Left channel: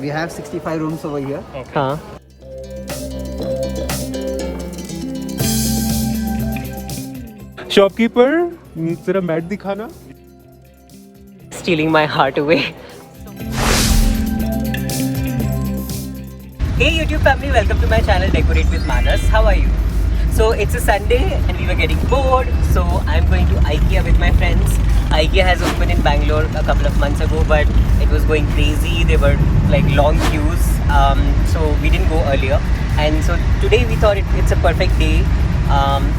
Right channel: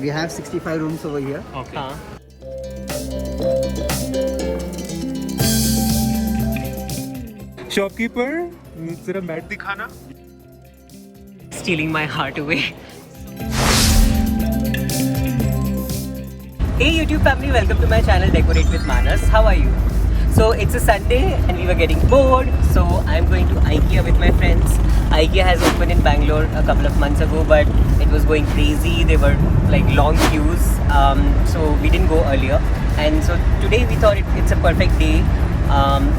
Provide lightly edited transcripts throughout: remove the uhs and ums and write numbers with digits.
We have 65 rooms over here. Okay. हाँ. Shopkeeper जरा mat दिखाना. Stealing my heart away. Hey YouTube family, welcome to my channel Decorate with Manas. How are you? So it's a Sunday and we were getting bored, so I'm going to IKEA with my friends. IKEA has opened in Bangalore a couple of months ago, but it was going crazy. There were like long queues, so we didn't go earlier. And so today we thought it's a perfect day.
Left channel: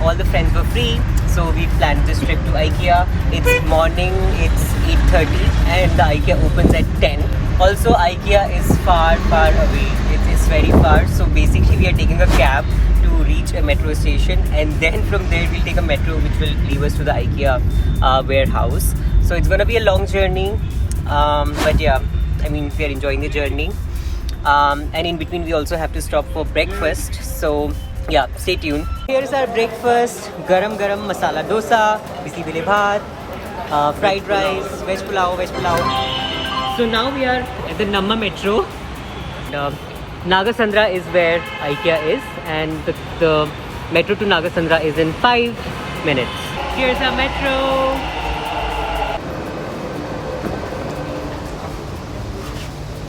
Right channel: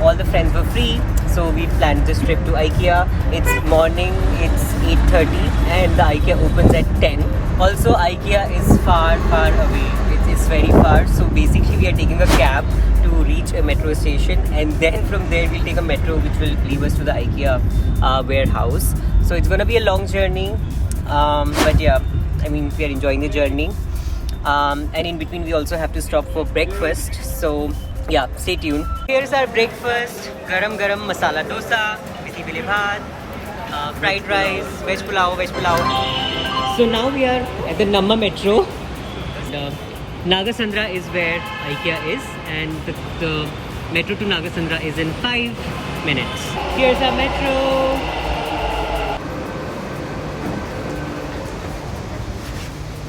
All the friends were free, so we planned this trip to IKEA. It's morning, it's 8:30 and the IKEA opens at 10. Also IKEA is far away, it's very far, so basically we are taking a cab to reach a metro station, and then from there we'll take a metro which will leave us to the IKEA warehouse. So it's gonna be a long journey, but yeah, I mean we are enjoying the journey, and in between we also have to stop for breakfast, so yeah, stay tuned. Here's our breakfast: garam masala dosa, bisi bele bhat, fried rice, veg pulao. So now we are at the Namma metro. Nagasandra is where IKEA is, and the metro to Nagasandra is in 5 minutes. Here's our metro.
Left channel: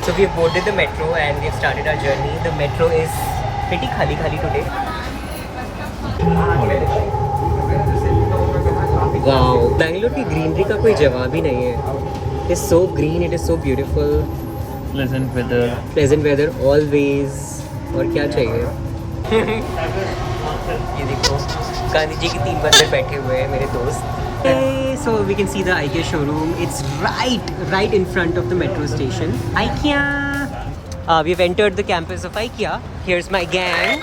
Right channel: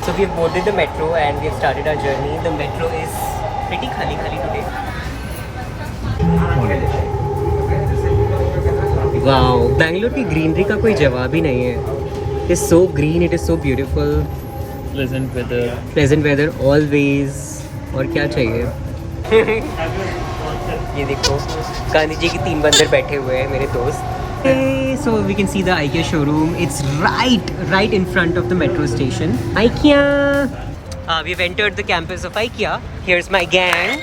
So we have boarded the metro and we have started our journey. The metro is pretty khali today. Wow, Bangalore की greenery का कोई जवाब ही नहीं है. It is so green, it is so beautiful. Pleasant weather always. और क्या चाहिए? ये देखो, गांधी जी के 3 बंदर बैठे हुए हैं मेरे दोस्त. So we can see the IKEA showroom. It's right in front of the metro station. IKEA. We've entered the campus of IKEA. Here's my gang,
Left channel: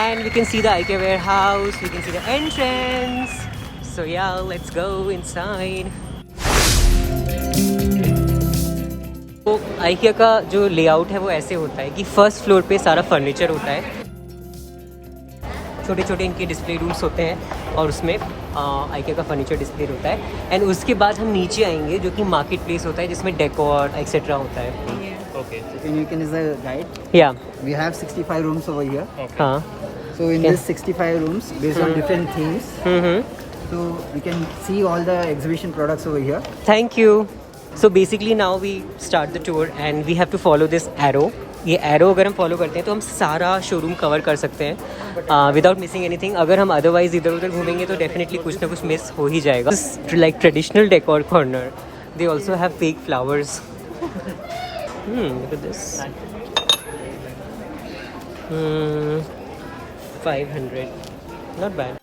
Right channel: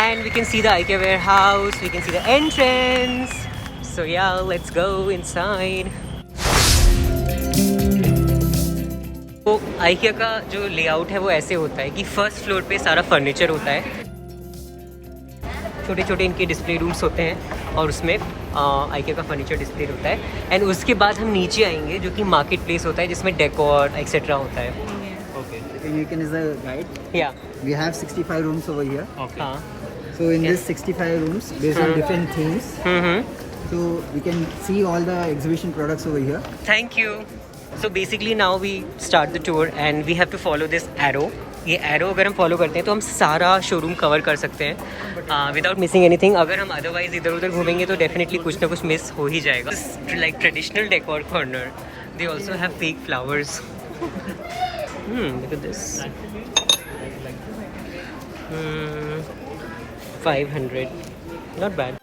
and we can see the IKEA warehouse. We can see the entrance. So yeah, let's go inside. तो IKEA का जो layout है वो ऐसे होता है कि first floor पे सारा फर्नीचर होता है. छोटे इनके डिस्प्ले रूम्स होते हैं और उसमें IKEA का फर्नीचर डिस्प्ले होता है. एंड उसके बाद हम नीचे आएंगे जो कि मार्केट प्लेस होता है जिसमें डेकोर एक्सेट्रा होता है. Okay. You can is a guide. Yeah. We have 65 rooms over here. Okay. हाँ. So in this 65 rooms, based on different themes, so we can see all the exhibition products over here. Thank you. So basically now we start the tour and we have to follow this arrow. ये arrow अगर हम follow करते हैं तो हम सारा showroom cover कर सकते हैं without missing anything. अगर हम otherwise इधर उधर घूमेंगे तो definitely कुछ ना कुछ miss हो ही जाएगा. This is like traditional decor corner. They also have fake flowers. Look at this. 500. Not bad.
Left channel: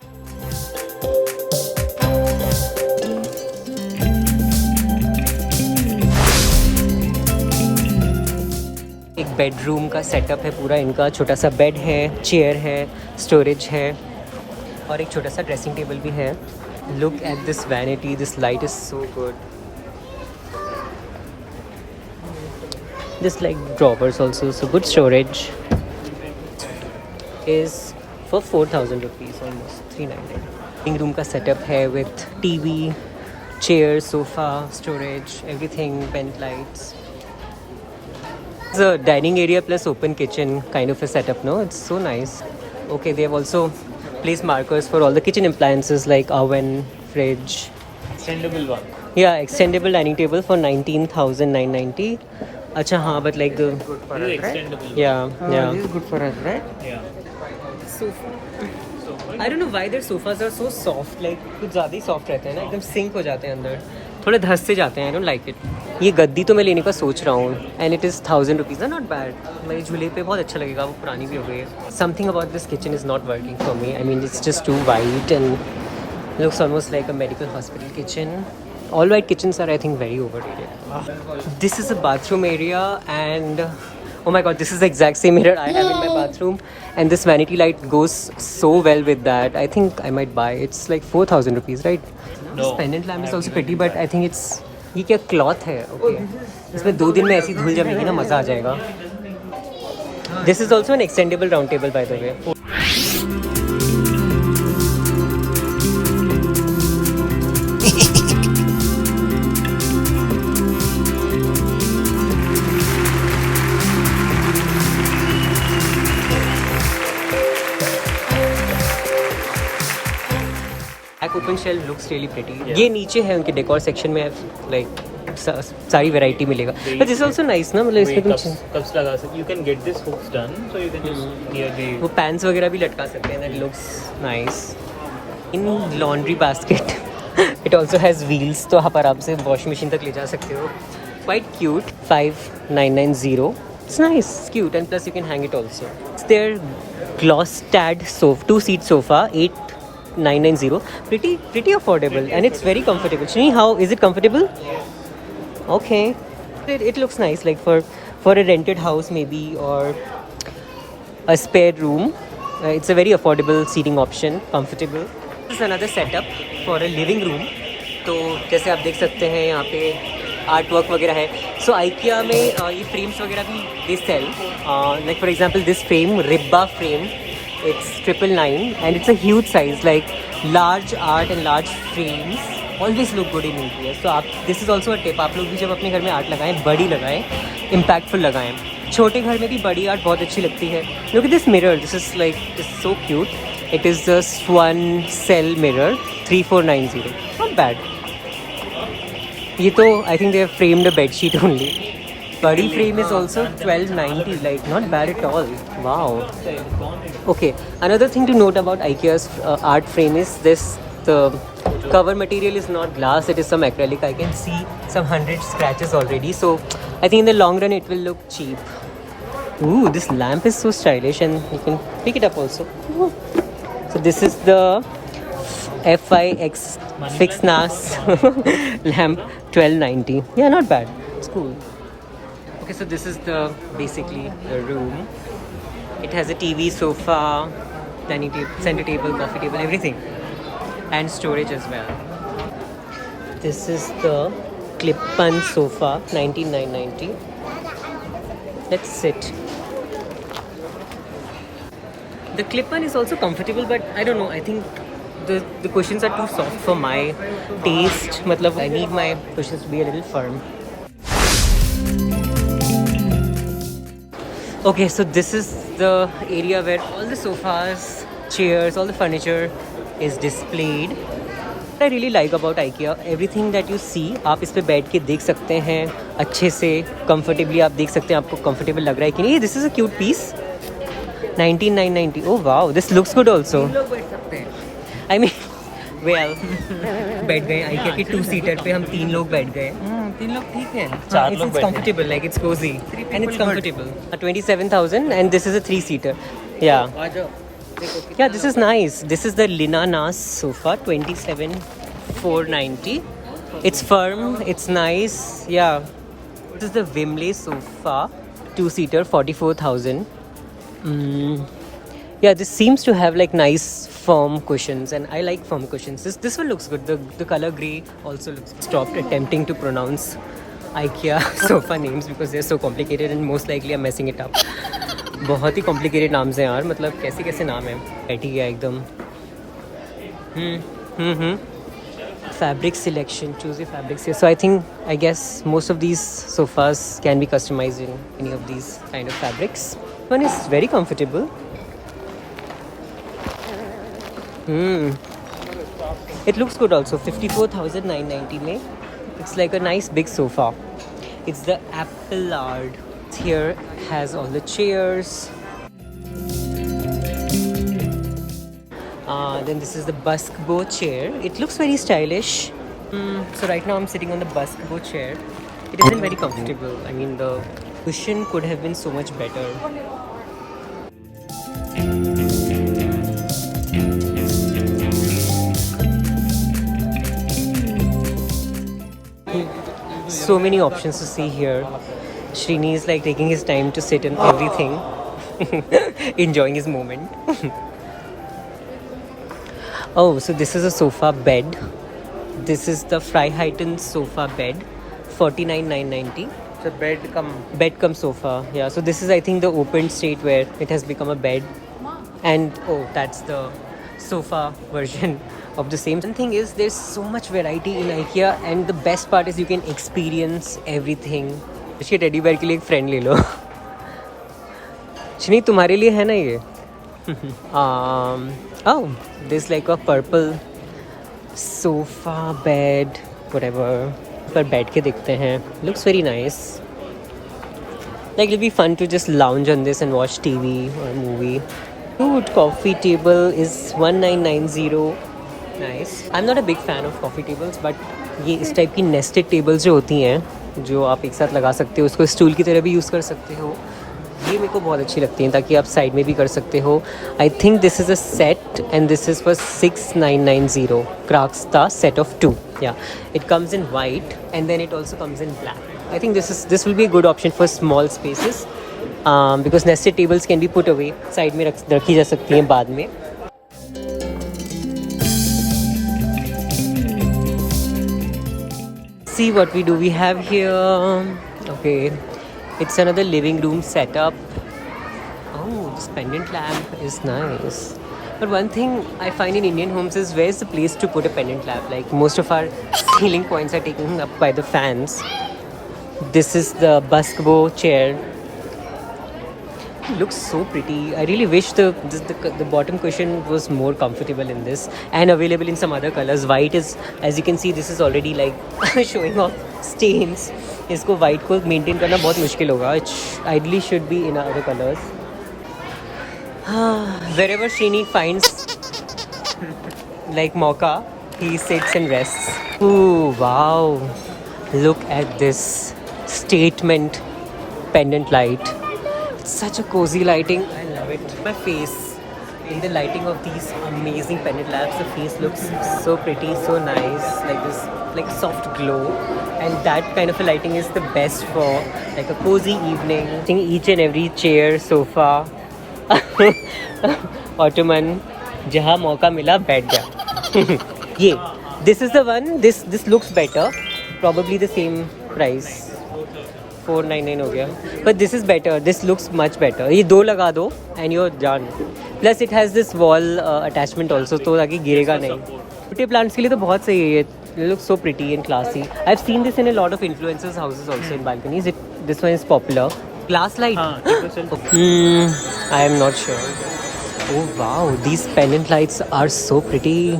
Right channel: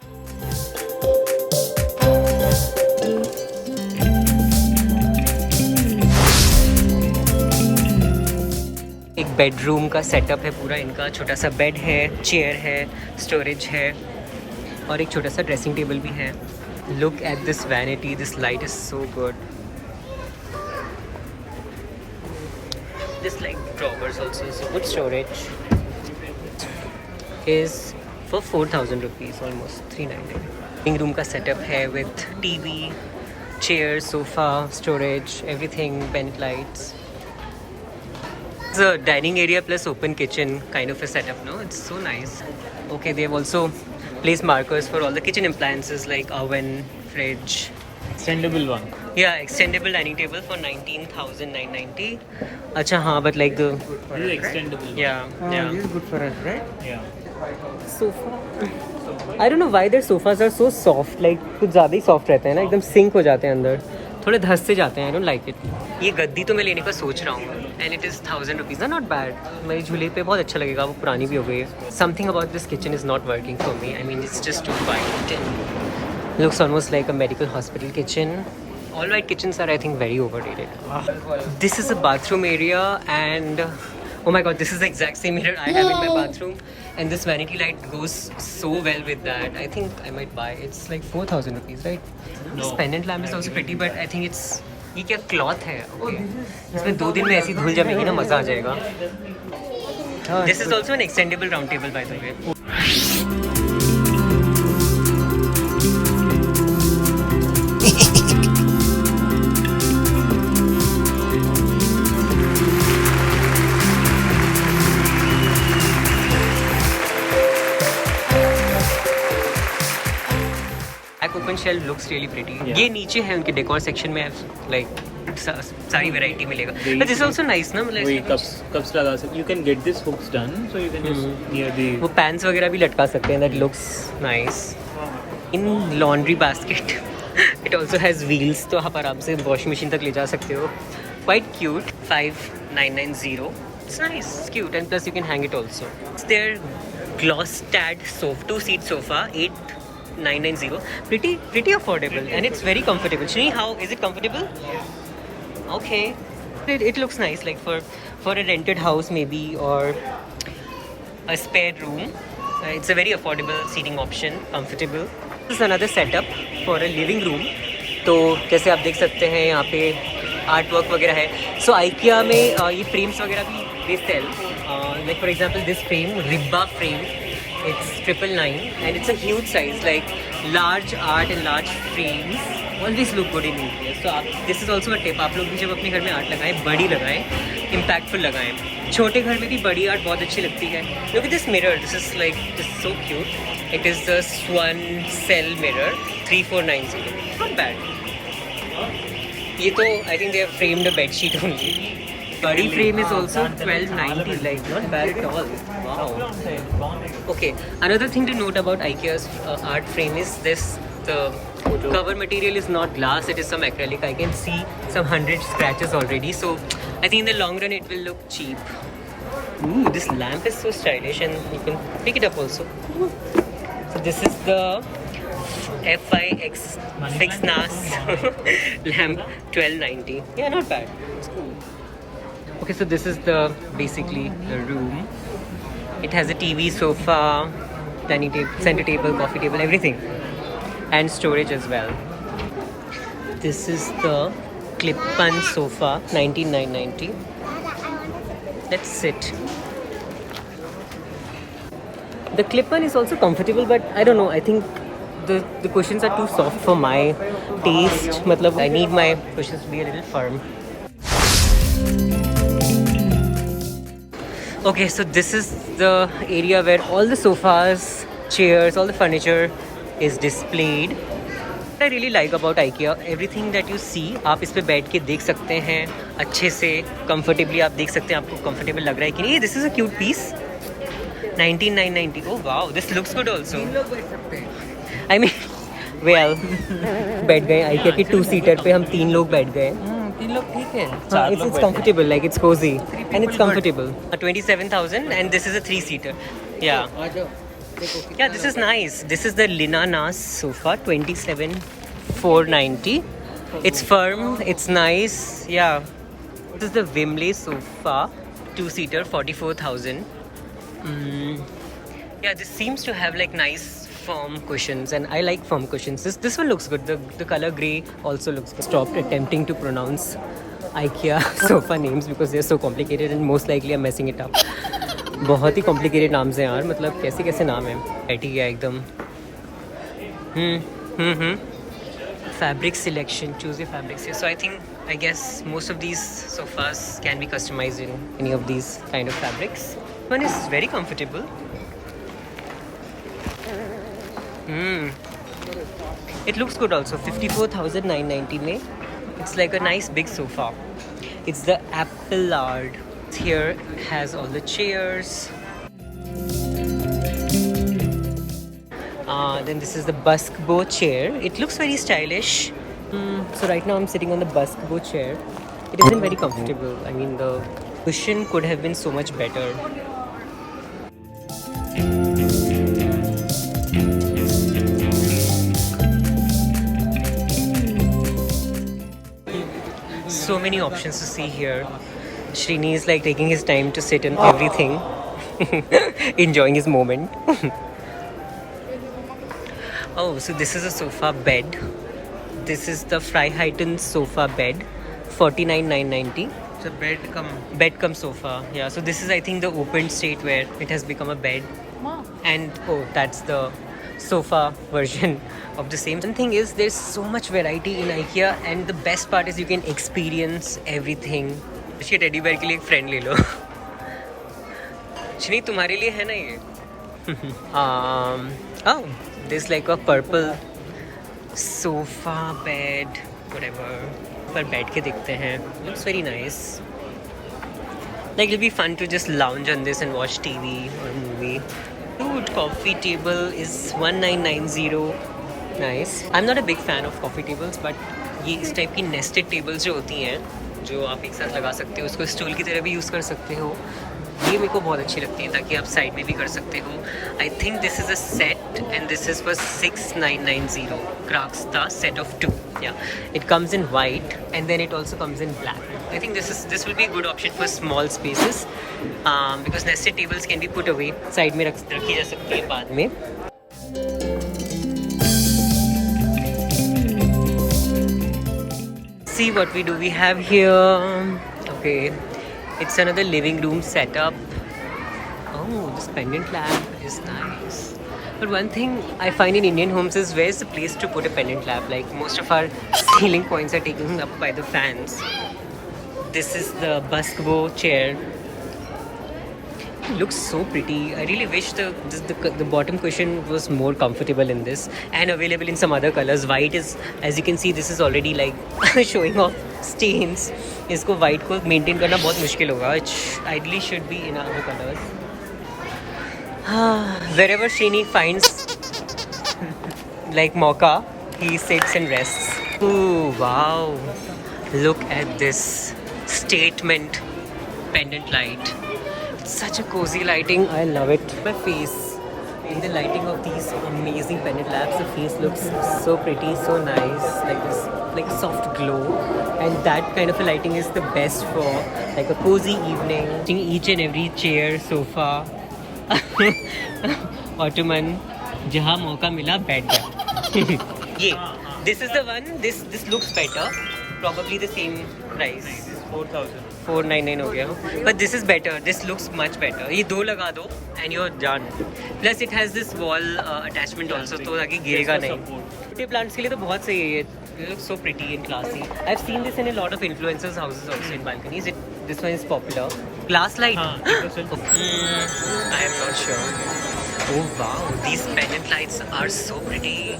एक बेडरूम का सेटअप है पूरा इनका. छोटा सा बेड है, चेयर है, स्टोरेज है और एक छोटा सा ड्रेसिंग टेबल भी है. Look at this vanity, this light is so good. This like drawers also, so good storage. Is for 4,000 rupees, almost 390. Living room का सेटअप है with TV, chair, sofa, storage, everything, bent lights. It's a dining area plus open kitchen kind of a setup, no? It's so nice. Okay, they have also placed markers for all the kitchen appliances like oven, fridge. Extendable one. Yeah, extendable dining table for 19,990. Acha, हाँ, but like the... This is extendable. Yeah. This is good for us, right? Yeah. Sofa. I don't know why their sofas are so soft. Like कुछ ज़्यादा ही soft रहते हैं ना, एकदम sink हो जाते हैं अंदर. थोड़े धस से जाते हैं. I don't like it. ये गद्दी तो मैं लेने का सोच रहा हूँ and it is 1,000 rupees. Not bad. मेरे झूले पे बहुत अच्छा लगेगा. वो पुरानी भी हो गई है. Something about this kitchen is not working for me. I mean it's just too white and looks almost like a medical hospital kitchen. All white kitchens are, I think, very overrated. This is a bathroom area, and oh my god, this is the exact same mirror I have in my bathroom, and this vanity light goes so well with that. I think I might buy. It's like 4,000 rupees, right? This pendant lamp is also pretty, but I think it's ये क्या cloth है? Okay. इसमें 2 दिन में ऐसी धुल जमेगी ना, मज़ा आ जाएगा. This is also an extendable round table, by the way. Back open shelf looks really pretty. Yeah. ये नीचे है उनके डेकोर सेक्शन में, लाइक सारी वैरायटी मिलेगा. बट दिस आल्सो नाइस ना, मतलब इसके कुछ कप्स लगा सकते. You can get this hooks done, so you can just near the. वो पैंट्स वगैरह भी लटका सकते हैं. That looks nice. In laundry basket it also has wheels, तो आप आराम से वॉशिंग मशीन तक ले जा सकते हो. Quite cute. 5990. It's nice, it's cute, and plus you can hang it also. It's their Glostad sofa, 2-seat sofa, 8990. Pretty affordable, and it's very comfortable. Shini, how is it comfortable? Yes. Okay. It looks nice, like for a rented house maybe, or a spare room. It's a very affordable seating option, comfortable. This is another setup for a living room. तो जैसे आप देख सकते हैं यहाँ पे art work वगैरह है. सो IKEA में ये फ्रेम्स वगैरह भी they sell. Like for example this frame, Ribba frame, it's 999 and it's a huge size. Like large art and large frames always look good in interior. So आप, this is also a tip, आप लोग भी जब अपने घर में art लगाएं, बड़ी लगाएं, impactful लगाएं. छोटे घर में भी बड़ी आर्ट बहुत अच्छी लगती है. Look at this mirror. This is so cute. It is the Swan Cell mirror, 3490. Not bad. ये तो I think they have framed a bed sheet only. Body frame is also 1290. Like not bad at all. Wow. Okay. Another thing to note about IKEA's art frame is this. The cover material is not glass. It is some acrylic. I can see some 100 scratches already. So I think in the long run it will look cheap. Ooh, this lamp is so stylish, and you can pick it up also. So this is the FIX 6 NAS lamp, 1290. Yeah, not bad. It's cool. Okay, so this is basically the room. It has a TV, sofa, dining table, center table, coffee table, everything, and storage as well. This is the Clip-on sofa, 19990. Let's sit. The Clip-on is also comfortable, but I don't know. I think the cushions are too soft for my taste. Matlab, I need my cushions to be a little firm. Okay, so this is the area where all the sofas, chairs, all the furniture is displayed. What I really like about IKEA, everything that you see, आप इस पे बैठ के देख सकते हैं अच्छे से, comfortably आप देख सकते हैं आपको comfortable लग रहा है कि नहीं. This is a cute piece. 19990. Oh wow, this looks good also. I mean, well, बैठ गए IKEA की 2-seater पे, हम 3 लोग बैठ गए. 3 लोग ठीक है. It's comfortable, like it's cozy and it's comfortable. 27,000 and this is a 3-seater. Yeah. Yeah, this is nice. This is the Lina Nas sofa, 27,490. It's firm, it's nice. Yeah. This is the Wimley sofa, 2-seater, 44,000. Yeah, this seems to have like nice firm cushions, and I like firm cushions. This one looks good. The color grey also looks good. Stopped attempting to pronounce IKEA sofa names because they're so complicated and most likely I'm messing it up. बहुत ही complicated नाम्स हैं यार, मतलब कैसे कैसे नाम हैं. बैठी गया एकदम. Fabric selection, choose your fabrics here. So I guess most of these sofas can be customized in any of these kind of fabrics. One is very comfortable. It looks good also. 54,990 mein. It's like a nice big sofa. It's the Appellard. Here has all the chairs. Then this is the Buskbo chair. It looks very stylish. So right now I'm sitting on the Buskbo chair. It isn't very comfortable. I mean, the cushion could have been so much better. So many options to see here. Srini is like taking his time to sit in everything, enjoying his moment. Oh, so this is a sofa bed. This is the Freiheiten sofa bed, 49,990. So Bed cum sofa. Yeah, so this is I think the open state where it has become a bed. And oh, that's the sofa version of the same. The thing is, there's so much variety in IKEA, and the best part is you can experience everything. ये teddy bear के लिए एक friend ले लो. शनी तुम्हारे लिए है ना ये. Oh, this like a purple sofa bed whatever पर बैठ के देखते हैं. Looks very nice. Like it'll be fun to just lounge on this and watch TV or movie. Dude, coffee table is 1990. Nice. I'm not a big fan of coffee tables, but ये इस type की nested tables जो होती हैं जो आप एक साथ लगा सकते हो, उसको स्टूल की तरह भी यूज़ कर सकते हो, ये मेरे को बहुत अच्छी लगती हैं ताकि आप साइड में भी कर सकते हो. I think this is a set and this is for 6990. क्राफ्ट्सता set of 2. Yeah it comes in white and then it also comes in black. I think this will be a good option for small spaces because nested tables can be put away. Side में रखी जा सकती हैं बाद में. See what we do. We have here. Okay, it's another living room setup. Oh, this pendant lamp is nice. But one thing I find in Indian homes is where's the place to put a pendant lamp? Like most of our ceiling points are taken up by the fans. This is the Basquiat chair. It looks so pretty. I really wish the bottom cushion was more comfortable in this and available in some other colors. White is, as you can see, this is already like showing off stains. इसको white को maintain करना बहुत मुश्किल होगा. It ideally should be in other colors. Wherever Srini finds like Mocha, he sits and rests. Oh wow! Look at this statement pendant light. It's such a cozy lighting. I love it. My face in the lighting of these amazing pendant lamps, the face looks so pretty, so nice, like this, like a soft glow. And that kind of a lighting is the best for like a cozy evening. Each and every chair, sofa, ottoman, जहाँ मौका मिला बैठ जा. ये this is the one. This looks better. Probably the same price. 499 हो गया. But this is better. This looks much better. ये दो लगा दो and you're done. Plus it has this wall attachment also, तो ताकि गिरेगा नहीं. छोटे plants के लिए तो बहुत सही है ये. It looks so pretty and classy. I've seen this in a lot of influencers' houses also in balconies. This one is popular. Glass light. I am not sure. Oh wow, these pendant lights are so pretty.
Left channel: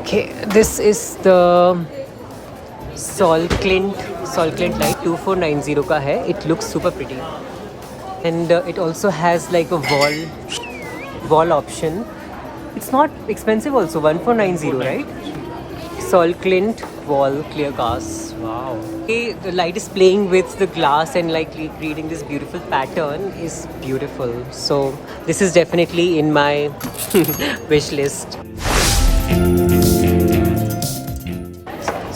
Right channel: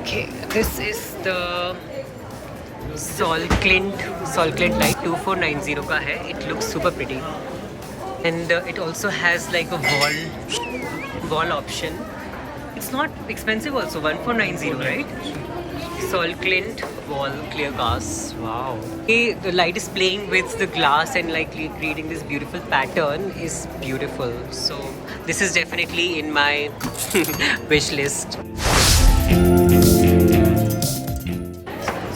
Okay, this is the Sol Clint light 2490 का है. It looks super pretty and it also has like a wall option. It's not expensive also. 1490, right? Sol Clint wall clear glass. Wow. Okay, the light is playing with the glass and like creating this beautiful pattern is beautiful. So this is definitely in my wish list.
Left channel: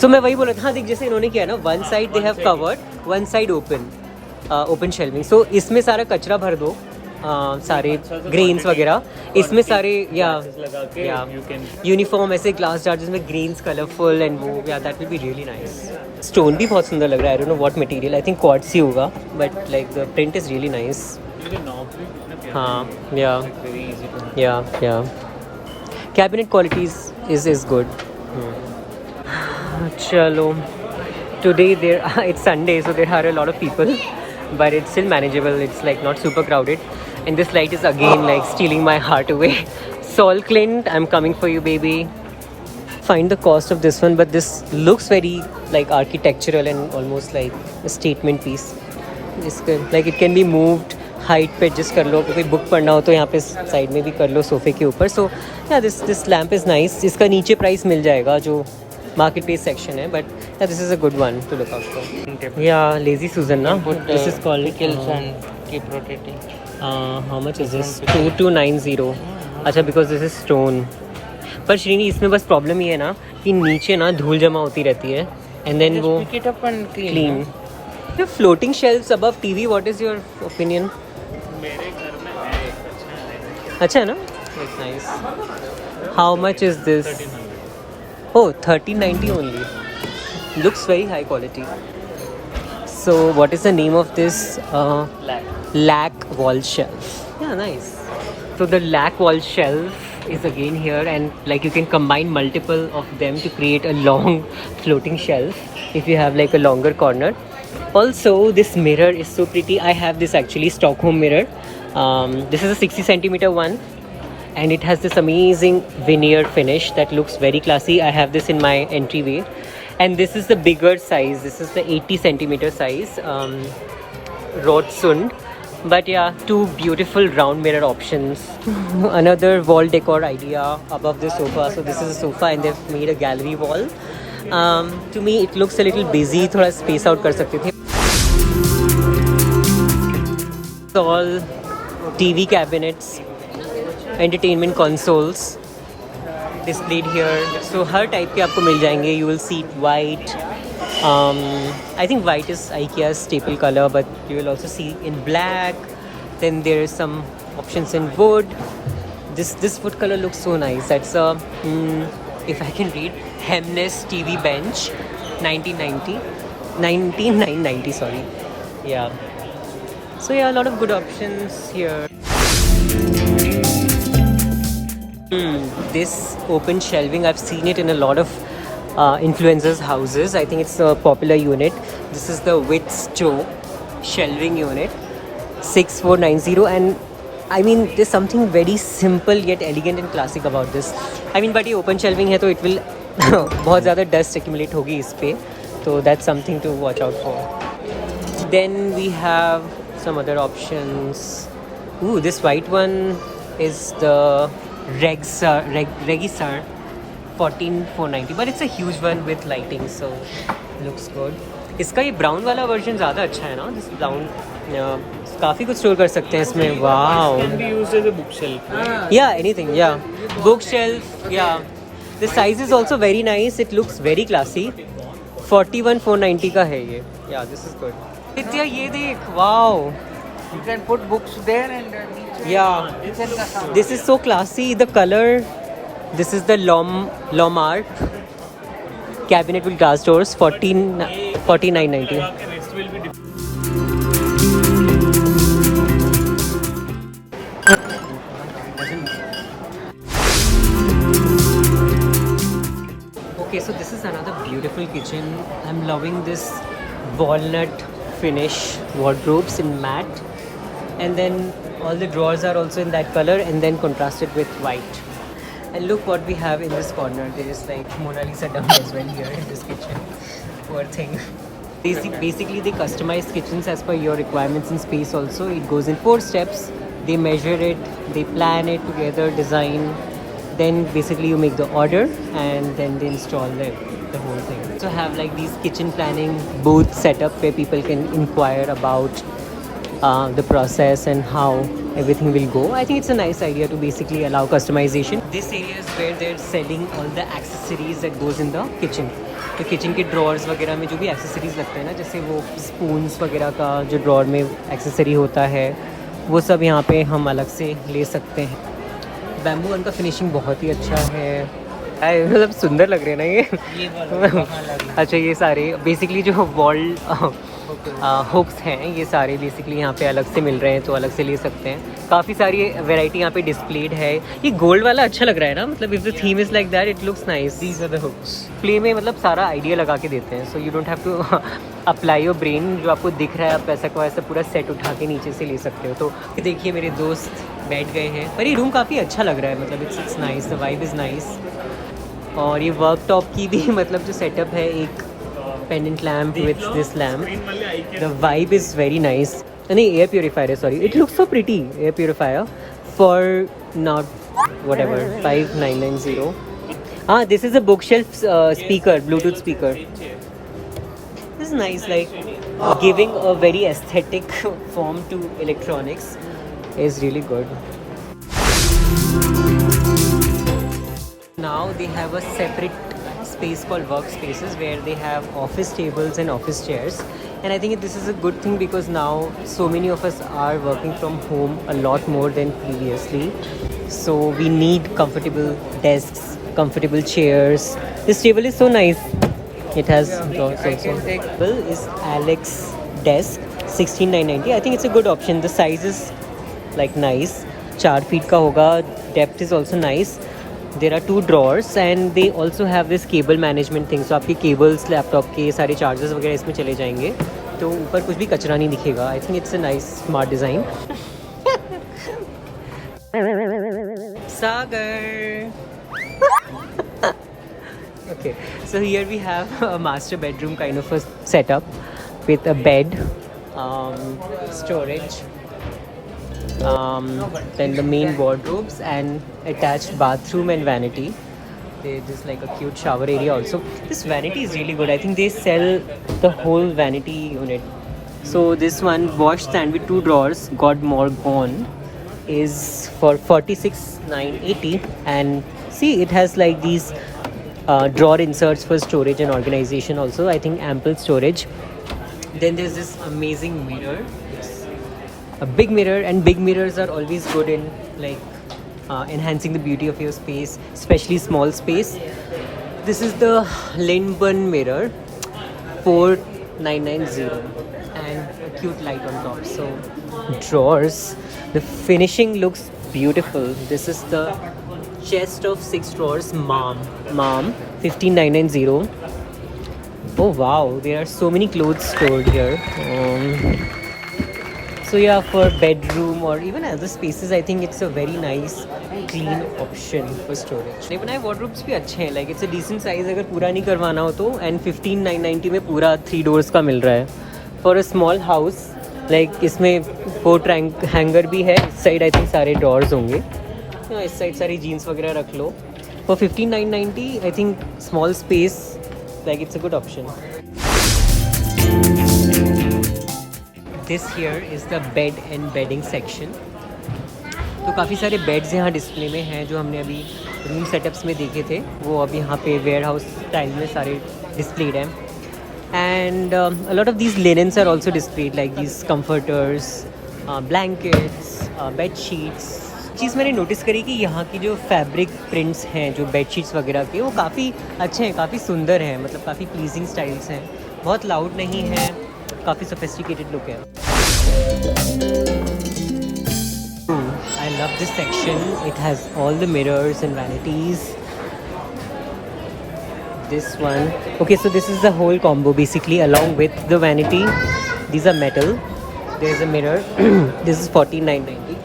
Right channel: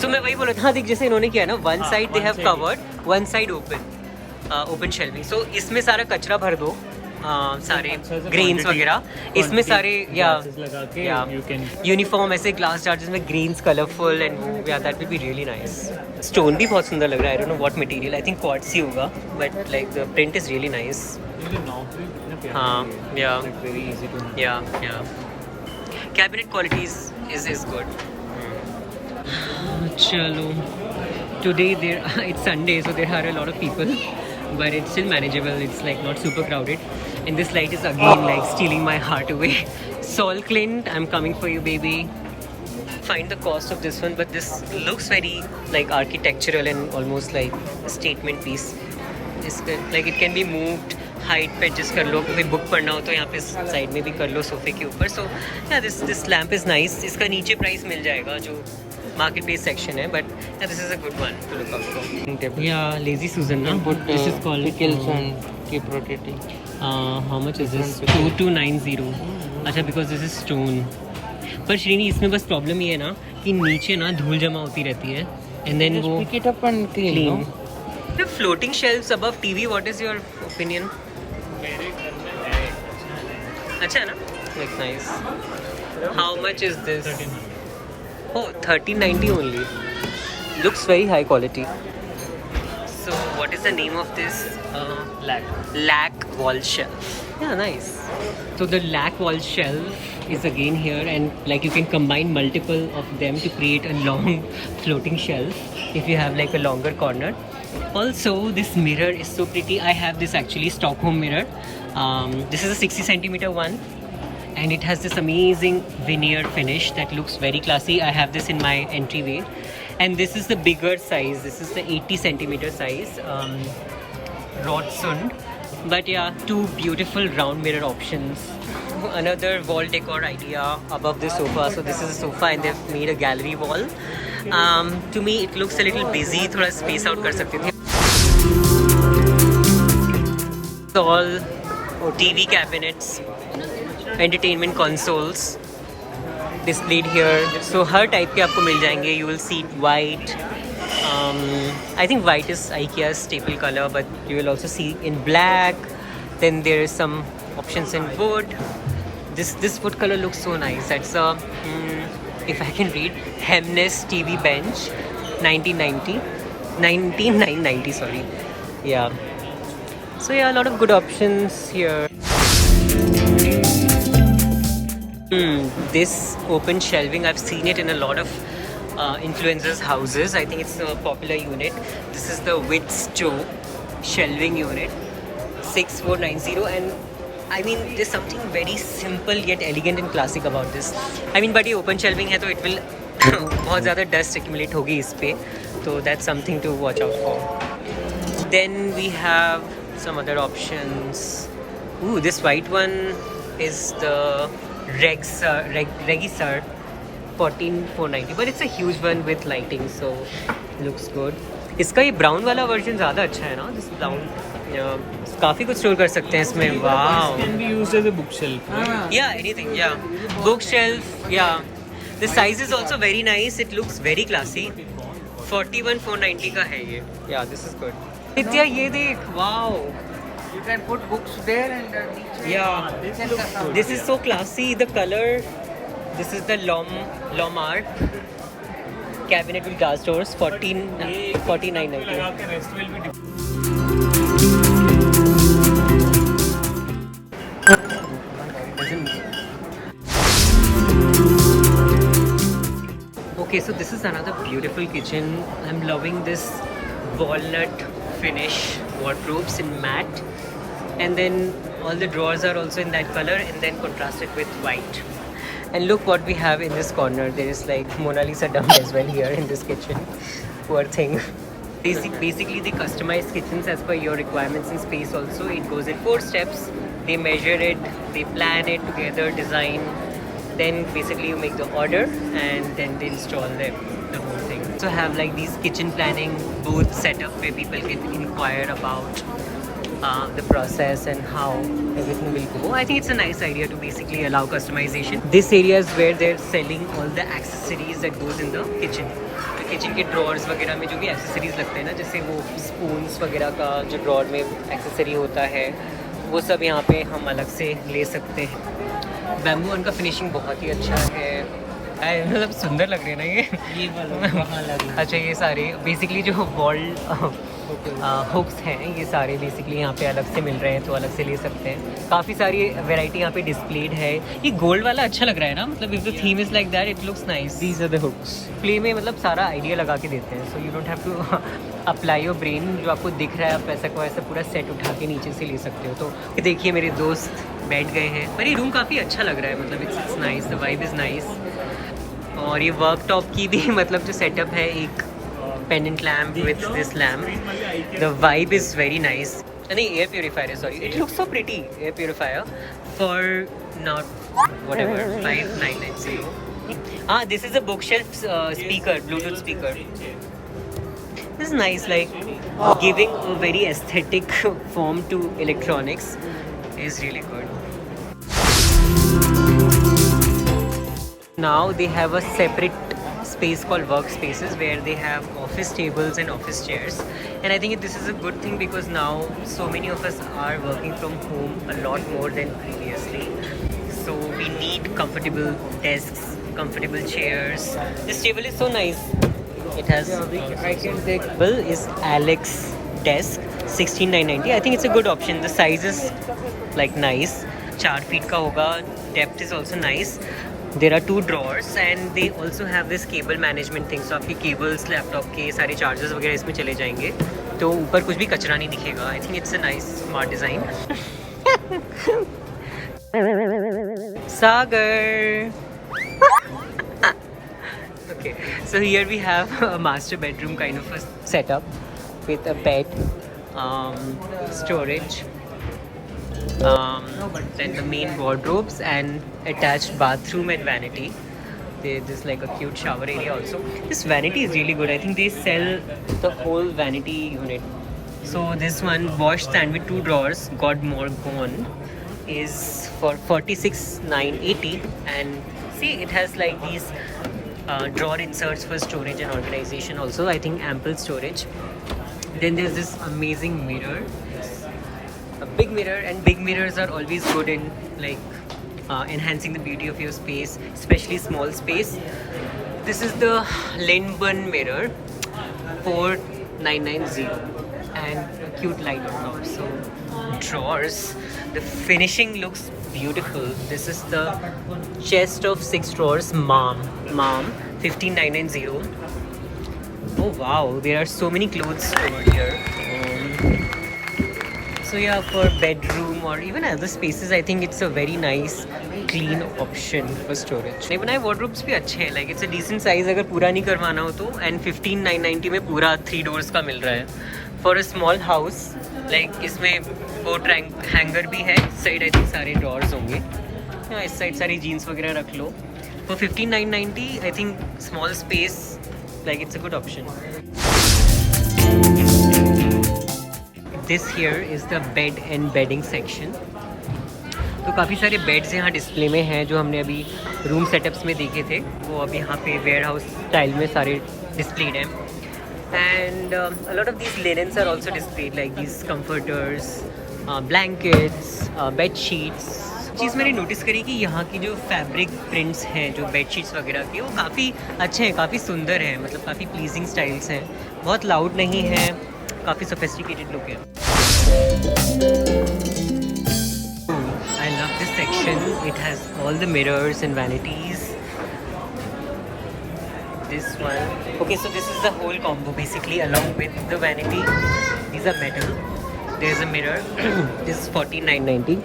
So मैं वही बोल रहा था. हाँ देख, जैसे इन्होंने किया ना, one side they have covered, one side open shelving. So इसमें सारा कचरा भर दो, सारे ग्रेन्स वगैरह इसमें सारे, या यूनिफॉर्म ऐसे ग्लास जार जिसमें ग्रेन्स कलरफुल एंड वो, yeah that will be really nice. Stone भी बहुत सुंदर लग रहा है. I don't know what material. I think quartz ही होगा, but like the print is really nice. हाँ, yeah cabinet qualities is good. चलो, today it's Sunday, so there are a lot of people, but it's still manageable. It's like not super crowded, and this light is again like stealing my heart away. Sol Clint, I'm coming for you, baby. Find the cost of this one, but this looks very like architectural and almost like a statement piece. Just like it can be moved height पे adjust कर लो. कोई book पढ़ना हो तो यहाँ पे side में भी कर लो सोफे के ऊपर. So yeah, this lamp is nice. इसका नीचे प्राइस मिल जाएगा जो market place section है, but yeah, this is a good one to look out for. Yeah, Lazy Susan na. This is called keep rotating. How much is this? 2290. अच्छा, because this is stone. पर श्रीनी, इसमें बस problem ये है ना कि नीचे ना धूल जमा होती रहती है and then वो pick it up and clean. The floating shelves above TV, what is your opinion? अच्छा है ना? Like nice. How much is this? Oh, 1390 only. Looks very high quality. So what is the name of this? Lac wall shelf. Yeah, nice. So the lac wall shelf is again here, and like you can combine multiple of them to create a long floating shelf if you have like a longer corner. Also, this mirror is so pretty. I have this actually Stockholm mirror. This is a 60 centimeter one. and it has this amazing veneer finish that looks very classy. I have this in my entryway, and this is the bigger size. This is the 80 centimeter size Rodsund. But yeah, two beautiful round mirror options. Another wall decor idea above the sofa. So this is a sofa and they've made a gallery wall. To me it looks a little busy. थोड़ा space out कर सकते थे. All TV cabinets, entertainment consoles displayed here. So her type के आपको मिल जाएंगे. You will see white. I think white is IKEA's staple color, but you will also see in black. Then there is some options in wood. This wood color looks so nice. That's a if I can read, Hemnes TV bench, 1990. Sorry, yeah. So yeah, a lot of good options here. This open shelving, I've seen it in a lot of influencers' houses. I think it's a popular unit. This is the Wits Joe shelving unit, 6490, and I mean there's something very simple yet elegant and classic about this. I mean, but ये open shelving है तो it will बहुत ज़्यादा dust accumulate होगी इस पे, so that's something to watch out for. Then we have some other options. Ooh, this white one is the Regisar 14490, but it's a huge one with lighting, so looks good. इसका ये brown वाला version ज़्यादा अच्छा है ना. This brown काफ़ी कुछ store कर सकते हैं इसमें. Wow. Can be used as a bookshelf. Yeah, anything. Yeah, bookshelf. Yeah, the size is also very nice. It looks very classy. 41490 का है ये. Yeah, this is good. नित्या ये देख. Wow. You can put books there and Yeah, this is so classy. The color. This is the Lomark cabinet with glass doors. 4990. Next will be different. Okay, so this is another beautiful kitchen. I'm loving this walnut finish wardrobes in matte, and then all the drawers are also in that color and then contrasted with white. And look what we have in this corner. There is like Mona Lisa dummy as well here in this kitchen. Poor thing. Basically they customize kitchens as per your requirements and space also. It goes in 4 steps. They measure it, they plan it together, design. Then basically you make the order and then they install the whole thing. So have like these kitchen planning booths set up where people can inquire about the process and how everything will go. I think it's a nice idea to basically allow customization. This area is where they're selling all the accessories that goes in the kitchen. तो kitchen के drawers वगैरह में जो भी accessories लगते हैं ना, जैसे वो स्पून्स वगैरह का जो ड्रॉर में एक्सेसरी होता है, वो सब यहाँ पे हम अलग से ले सकते हैं. बैम्बू वन का फिनिशिंग बहुत ही अच्छा है. मतलब सुंदर लग रहे हैं ना ये वाला कहाँ लगे? अच्छा, ये सारे बेसिकली जो वॉल हुक्स हैं ये सारे बेसिकली यहाँ पे अलग से मिल रहे हैं, तो अलग से ले सकते हैं. काफ़ी सारी वैरायटी यहाँ पे डिस्प्लेड है. ये गोल्ड वाला अच्छा लग रहा है ना, मतलब if the theme is like that it looks nice. These are the hooks. Play में मतलब सारा आइडिया लगा के देते हैं, so you don't have to apply your brain. जो आपको दिख रहा है आप ऐसा को ऐसा पूरा सेट उठा के नीचे से ले सकते हो. तो देखिए मेरे दोस्त बैठ गए हैं, पर ये रूम काफ़ी अच्छा लग रहा है. मतलब it's nice, the vibe is nice. और ये वर्कटॉप की भी मतलब जो सेटअप है, एक pendant lamp with this lamp. The vibe is very nice. नहीं, air purifier है, sorry. It looks so pretty. Air purifier for not whatever 5990. This is a bookshelf speaker, Bluetooth speaker. This is nice, like giving a very aesthetic form to electronics is really good. Now they have a separate space called workspaces where they have office tables and office chairs, and I think this is a good thing because now so many of us are working from home a lot more than previously, so we need comfortable desks, comfortable chairs. This table is so nice. It has table is Alex desk 16990. I think it's a good option. The size is like nice, 4 feet का होगा. Depth is also nice. There are 2 drawers and they also have this cable management thing. So आपके cables, laptop के सारे chargers वगैरह इसमें चले जाएंगे, तो ऊपर कुछ भी कचरा नहीं दिखेगा. I think it's a nice smart design. Sagar. Okay, so here we have a master bedroom kind of a setup with a bed, storage, then the main wardrobes and attached bathroom and vanity. There's like a cute shower area also. This vanity is really good. I think they sell the whole vanity unit. So this one, wash stand with 2 drawers, God Morgon, is for 46,980, and see, it has like these drawer inserts for storage and organization also. I think ample storage. Then there's this amazing mirror, a big mirror, and big mirrors are always good in like enhancing the beauty of your space, especially small space. This is the Lindburn mirror, 4990, and a cute light on top. So drawers, the finishing looks beautiful. This is the chest of 6 drawers, mom 15990. Oh wow, there are so many clothes stored here. So yeah, for bedroom or even other spaces, I think it's a very nice clean option for storage. ये बनाए wardrobes भी अच्छे हैं, like it's a decent size अगर पूरा नहीं करवाना हो तो, and 15,990 में पूरा 3 doors का मिल रहा है. For a small house, like इसमें coat hanger भी है, इस side I think सारे drawers होंगे, इस side सारी jeans वगैरह रख लो. For 15,990, I think small space, like it's a good option. This here is the bed and bedding section. तो काफ़ी सारे बेड्स यहाँ डिस्प्ले में हैं जो हमने अभी रूम सेटअप्स में देखे थे, वो अभी यहाँ पे वेयर हाउस स्टाइल में सारे डिस्प्लेड हैं. And a lot of these linens are also displayed, like these comforters, blankets, bed sheets. चीज़ मैंने नोटिस करी कि यहाँ की जो फैब्रिक प्रिंट्स हैं जो बेड शीट्स वगैरह के, वो काफ़ी अच्छे हैं, काफ़ी सुंदर हैं, मतलब काफ़ी प्लीजिंग स्टाइल्स हैं, बहुत लाउड नहीं है, काफ़ी सोफिस्टिकेटेड लुक है. I love this section. It has all the mirrors and vanities. This one. Okay, so this is the whole combo basically, along with the vanity. These are metal. There is a mirror. This is 4990.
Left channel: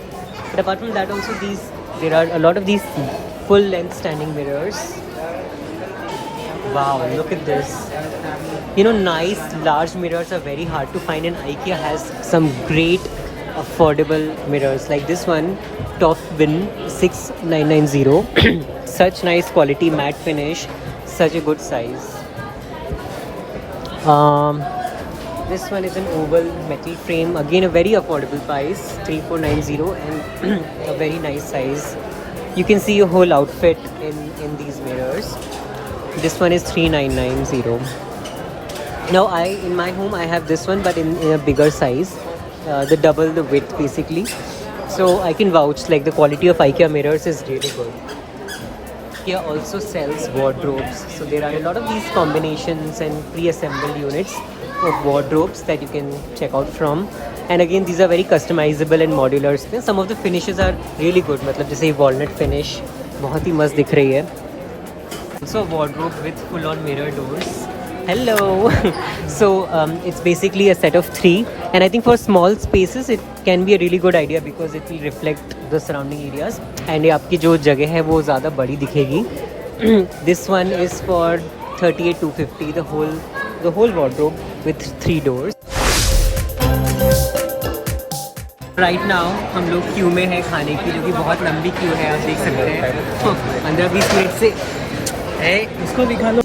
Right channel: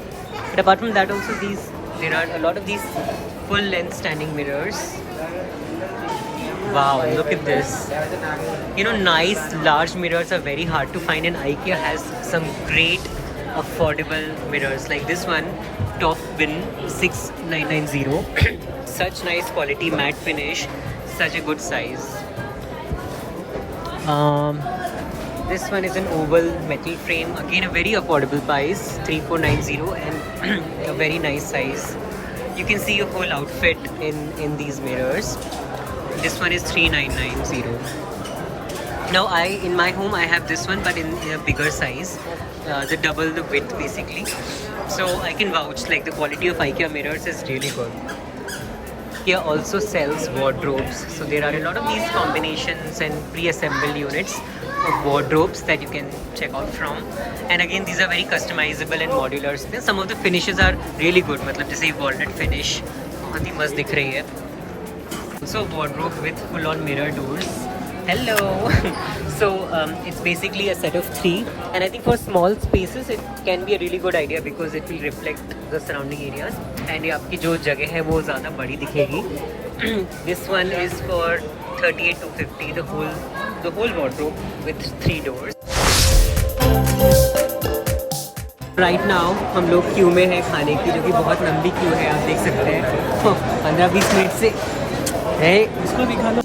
But apart from that, also there are a lot of these full-length standing mirrors. Wow, look at this. You know, nice large mirrors are very hard to find, and IKEA has some great affordable mirrors like this one, Topwin 6990. Such nice quality, matte finish, such a good size. This one is an oval metal frame, again a very affordable price, 3490, and a very nice size. You can see a whole outfit in these mirrors. This one is 3990. Now in my home I have this one, but in a bigger size, the double the width basically. So I can vouch, like the quality of IKEA mirrors is really good. IKEA also sells wardrobes, so there are a lot of these combinations and pre-assembled units of wardrobes that you can check out from. And again, these are very customizable and modular. Some of the finishes are really good, मतलब जैसे walnut finish बहुत ही मस्त दिख रही है. So wardrobe with full-on mirror doors. Hello. So it's basically a set of 3, and I think for small spaces it can be a really good idea because it will reflect the surrounding areas, and ये आपकी जो जगह है वो ज़्यादा बड़ी दिखेगी. This one is for 38,250, the whole wardrobe with 3 doors. Right now हम लोग क्यू में है खाने की, जो कि बहुत लंबी क्यू है, आप देख सकते हैं. 15-20 मिनट से है, इसको भी खा लो.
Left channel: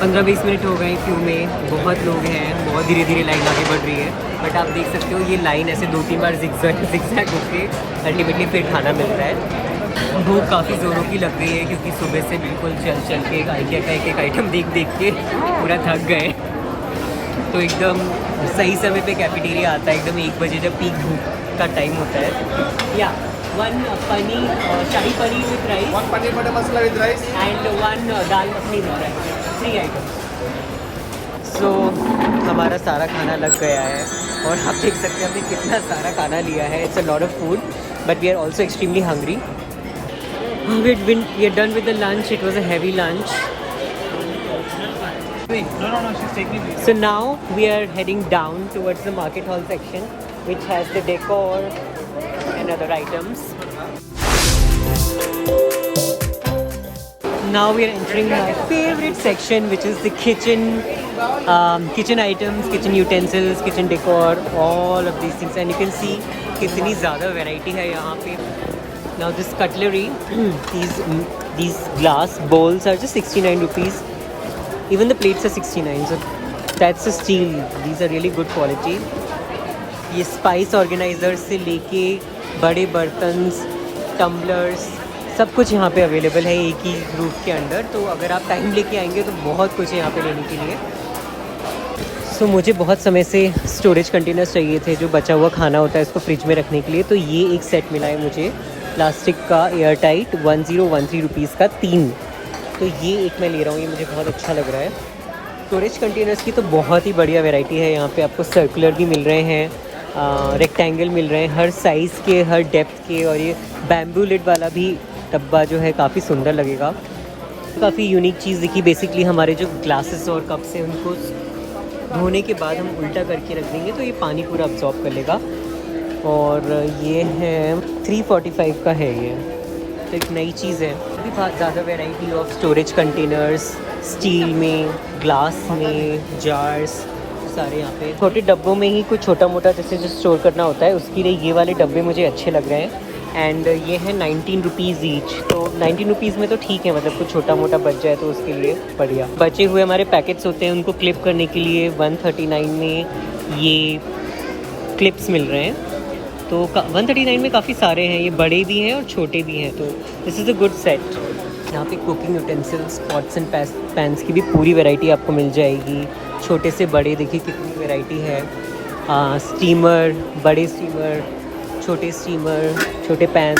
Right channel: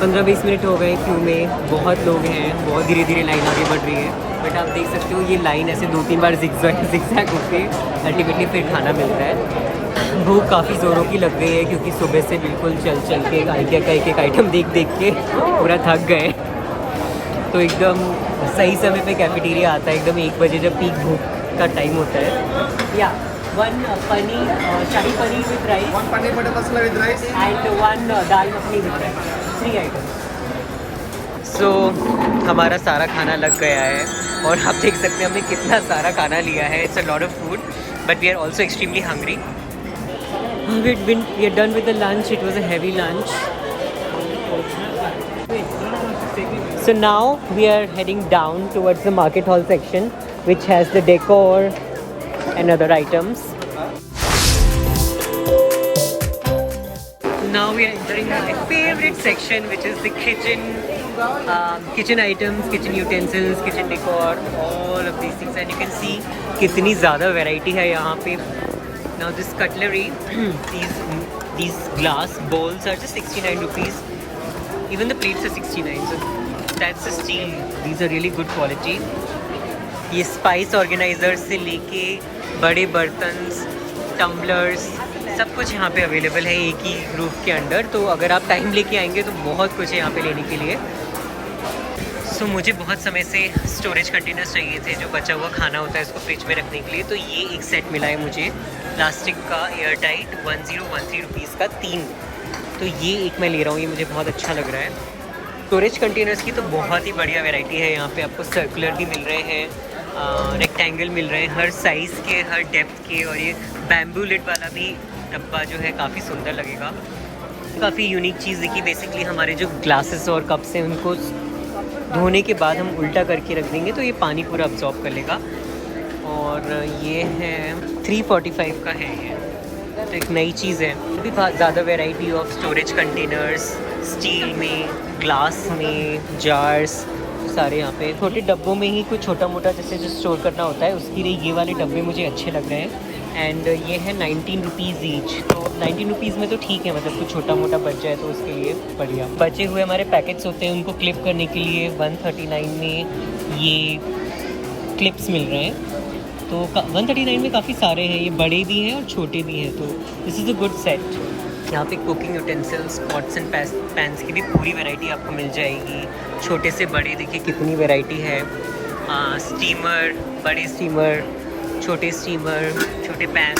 15-20 मिनट हो गए क्यू में, बहुत लोग हैं, बहुत धीरे धीरे लाइन आगे बढ़ रही है. बट आप देख सकते हो ये लाइन ऐसे 2-3 बार zigzag होके अल्टीमेटली फिर खाना मिलता है. भूख काफ़ी ज़ोरों की लग गई है क्योंकि सुबह से बिल्कुल चल के IKEA का एक आइटम देख के पूरा थक गए. तो एकदम सही समय पे कैफेटेरिया आता है, एकदम 1 बजे जब पीक भूख का टाइम होता है. या 1 paneer shahi paneer with rice, 1 paneer butter masala with rice, and 1 dal makhani with rice, 3 items. So हमारा सारा खाना लग गया है और आप देख सकते हैं हमने कितना सारा खाना लिया है. It's a lot of food, but we are also extremely hungry. We are done with the lunch. It was a heavy lunch. So now we are heading down towards the market hall section, which has the decor and other items. now we are entering my favorite section, which is the kitchen. Kitchen items, kitchen utensils, kitchen decor, all of these things, and you can see कितनी ज़्यादा variety है यहाँ पे. Now this cutlery, these glass bowls are just 69 rupees. Even the plates are 69. So that's the steel. These are really good quality. ये spice organizer से लेके बड़े बर्तन, टम्बलर्स, सब कुछ यहाँ पे अवेलेबल है एक ही रूफ के अंदर. तो अगर आप टाइम लेके आएंगे तो बहुत कुछ है यहाँ पे लेने के लिए. सो मुझे बहुत समय से स्टोरेज कंटेनर्स चाहिए थे, जो बचा हुआ खाना होता है उसको फ्रिज में रखने के लिए. तो ये एक सेट मिला है मुझे प्लास्टिक का एयर टाइट 1013 रुपीज़ का 3. तो ये एक मैं ले रहा हूँ, ये मुझे बहुत अच्छा लग रहा है. स्टोरेज कंटेनर्स की तो बहुत ही बढ़िया वैरायटी है यहाँ पे. आपको सर्कुलर भी मिल रहे हैं, रेक्टेंगल मिल रहे हैं, हर साइज़ के, हर डेप्थ के. और ये बैम्बू लिड वाला भी डब्बा जो है काफ़ी सुंदर लगेगा. काफ़ी यूनिक चीज़ देखी. बेसिकली हमारे जो ग्लासेस और कप्स हैं उनको धोने के बाद हम उल्टा करके रख देंगे तो ये पानी पूरा अब्जॉर्ब कर लेगा. और ये है 345 का है ये. तो एक नई चीज़ है. अभी बहुत ज़्यादा variety of storage containers, steel में, ग्लास में, जार्स सारे यहाँ पे. छोटे डब्बों में ही कुछ छोटा मोटा जैसे जो स्टोर करना होता है उसके लिए ये वाले डब्बे मुझे अच्छे लग रहे हैं. एंड ये है 19 रुपीज़ ईच. तो 19 रुपीज़ में तो ठीक है, मतलब कुछ छोटा मोटा बच जाए तो उसके लिए बढ़िया. बचे हुए हमारे पैकेट्स होते हैं उनको क्लिप करने के लिए 139 में ये क्लिप्स मिल रहे हैं. तो 139 में काफ़ी सारे हैं, ये बड़े भी हैं और छोटे भी हैं. तो this is a good set. यहाँ पे cooking utensils, pots and pans की भी पूरी वैरायटी आपको मिल जाएगी. छोटे से बड़े देखिए कितनी वैरायटी है. स्टीमर, बड़े स्टीमर, छोटे स्टीमर, छोटे पैन,